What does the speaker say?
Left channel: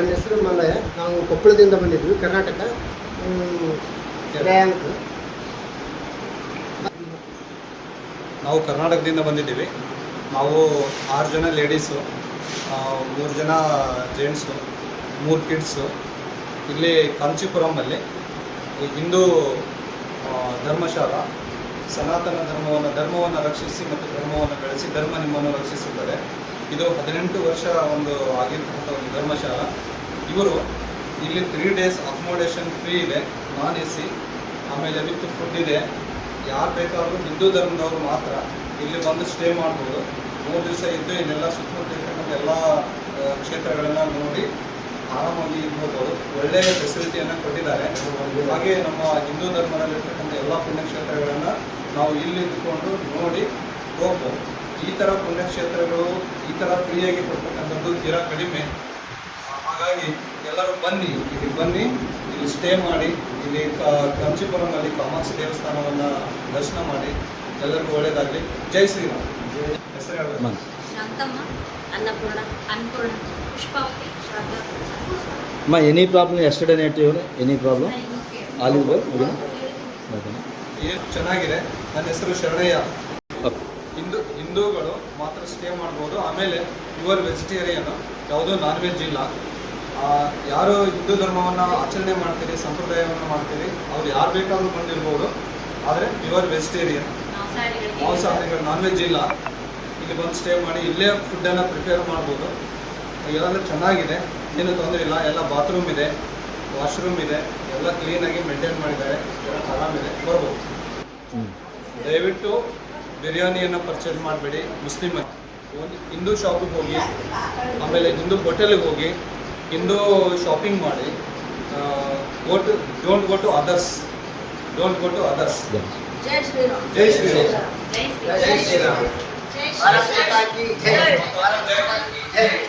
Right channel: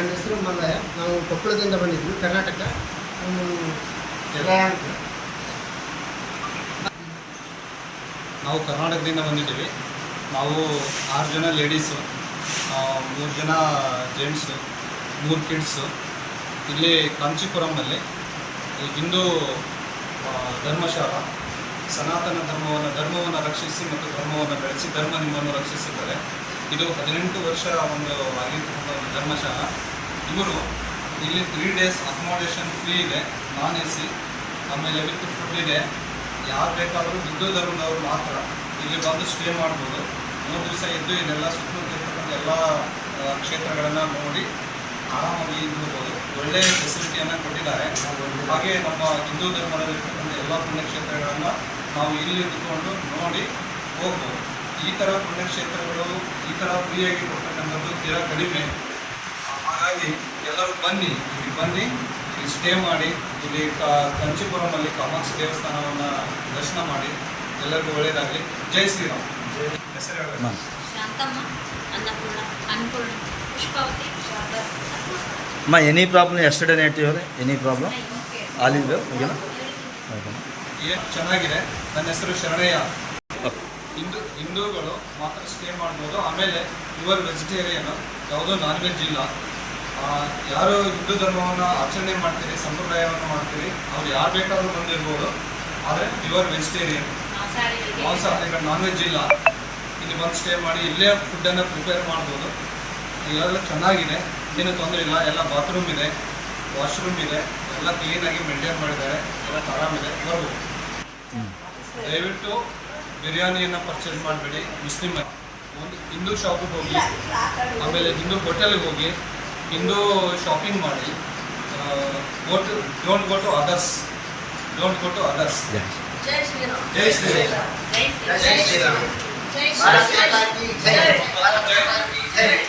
ನನ್ನ ಹೆಸರು ಮಲ್ಲಯ್ಯ. ನಾವು ಕೊಪ್ಪಳದಿಂದ ಬಂದಿದ್ವಿ, ಕರ್ನಾಟಕ. ನಾವು ಕರ್ನಾಟಕದಿಂದ ಬಂದಿದ್ದೀವಿ. ನಾವು 6 ಜನ ಲೇಡೀಸು, 3 ಜನ ಜೆಂಟ್ಸು, 3 ಕಿಡ್ಸು. ಇಲ್ಲಿ ಕಾಂಚೀಪುರಮಲ್ಲಿ ಹಿಂದೂ ಧರ್ಮಶಾಲಾ ಸನಾತನ ಧರ್ಮವನ್ನು ರಕ್ಷಿಸಿ ಮತ್ತು ಧರ್ಮವನ್ನು ಬೆಳೆಸಿ ಧರ್ಮ ನಿಮ್ಮನ್ನು ರಕ್ಷಿಸುತ್ತದೆ. ಇದು 18 ವರ್ಷ ಆಗಿರ್ತಕ್ಕಂಥ ಒಂದು ಧರ್ಮಶಾಲಾ. ಇವರು ಇಲ್ಲಿ 3 ಡೇಸ್ ಅಕೊಮೋಡೇಷನ್ ಫ್ರೀ ಇದೆ, ನಾನ್ AC, ಆಮೇಲೆ ವಿತ್ ಫುಡ್ ಇದೆ. ಯಾರು ಬೇಕಾದರೂ ಹಿಂದೂ ಧರ್ಮದವರು ಮಾತ್ರ ಇಲ್ಲಿ ಬಂದು ಸ್ಟೇ ಮಾಡ್ಬೋದು. 3 ದಿವಸ ಇದ್ದು ಇಲ್ಲೆಲ್ಲ ಸುತ್ತಮುತ್ತ ಎಲ್ಲ ಕ್ಷೇತ್ರಗಳನ್ನು ನೋಡಿ ಆರಾಮಾಗಿ ಇದ್ಬೋದು. ಒಳ್ಳೆಯ ಫೆಸಿಲಿಟಿಯನ್ನು ಕೊಟ್ಟಿದ್ದಾರೆ. ಹಾಗೆ ನಮ್ಮ ಹಿಂದೂ ಧರ್ಮದಲ್ಲಿರ್ತಕ್ಕಂಥ ಎಲ್ಲ ಪುಣ್ಯಕ್ಷೇತ್ರಗಳನ್ನು ನಾವು ಇಲ್ಲಿ ಇದ್ದುಕೊಂಡು ನೋಡಿ ಹೋಗ್ಬೋದು. ಈ ಥರ ಪುಣ್ಯಕ್ಷೇತ್ರಗಳು ಈ ಥರ ಫ್ರೀಯಾಗಿ ಕೊಡ್ತಕ್ಕಂಥದ್ದು ತೀರಾ ಕಡಿಮೆ. ಹಾಗಾಗಿ ಎಲ್ಲರೂ ಬನ್ನಿ, ಇಲ್ಲಿ ಸ್ಟೇ ಮಾಡಿ, ಇಲ್ಲಿ ಕಾಂಚೀಪುರಮಲ್ಲಿ ಕಾಮಾಕ್ಷಿ ದೇವಸ್ಥಾನವನ್ನು ದರ್ಶನ ಮಾಡಿ. ಎಲ್ಲರಿಗೂ ಒಳ್ಳೆಯದಾಗಲಿ. ಜೈ ಶ್ರೀರಾಮ್. ಹೆಸರು Shanthamma, Annapurna, Pushpavathi, Ma, any problem yesterday night? Any problem? All is well? Okay. ಚೆನ್ನಾಗಿದೆ. ನನ್ನ ಹೆಸರು ಶರಣಯ್ಯ. ಹಿಂದೂಗಳು ಮಾತ್ರ ಸ್ಟೇ ಮಾಡ್ಬೋದು. ಆಮೇಲೆ ಪ್ಯೂರ್ ವೆಜಿಟೇರಿಯನ್, ಯಾವುದೋ ನಾನ್ ವೆಜ್ ಇಲ್ಲ. ಯಾರು ಹಿಂದೂ ಧರ್ಮವನ್ನು ಆಚರಣೆ ಮಾಡ್ತೀರಿ, ಸಂಪ್ರದಾಯವನ್ನು ಮಾಡ್ತೀರಿ, ಅವ್ರು ಯಾರು ಬೇಕಾದರೂ ಬಂದಿರ್ಬೋದು. ಆದರೆ ಪ್ಯೂರ್ ವೆಜಿಟೇರಿಯನ್, ಮಾಂಸಾಹಾರಿಗಳು, ನಾನ್ ವೆಜ್ ಇಲ್ಲ. ಇಲ್ಲಿ ಬಂದು ಸ್ಟೇ ಮಾಡಿ ಇಲ್ಲೇ ಫುಡ್ಡನ್ನು ಪ್ರಿಪೇರ್ ಮಾಡ್ಬೋದು. ಎಲ್ಲ ಚೆನ್ನಾಗಿದೆ, ಏನು ತೊಂದರೆ ಇಲ್ಲ. ಎಲ್ಲ ಬಾತ್ರೂಮ್ ಇದೆ, ವಾಶ್ರೂಮ್ ಇದೆ, ಎಲ್ಲ ಕ್ಲೀನಾಗಿ ಮೇಂಟೈನ್ ಮಾಡಿದ್ದಾರೆ. ಎಲ್ಲ ಆರಾಮಿದೆ, ಬರ್ಬೋದು. ದಯವಿಟ್ಟು ಬಿರಿಯಾನಿಯನ್ನು ಪರ್ಚೇಸ್ ಮಾಡಬೇಡಿ. ಮುಸ್ಲಿಮ್ ಒಂದು ಹಿಂದೂ ಶಾಪಿಗೆ ಹೋಗಿ, ಆಮೇಲೆ ಹಿಂದೂ ಹೋಟೆಲ್ಗೆ ಹೋಗಿ ಹಿಂದೂ ಶಾಪಿಂಗ್ ಮಾಡಿ. Don't go to others. ಜೈ ಶ್ರೀರಾಮ್. ಜೈ ಶ್ರೀರಾಮ್. ಜೈ ಶ್ರೀರಾಮ್. ಜೈ ಶ್ರೀರಾಮ್.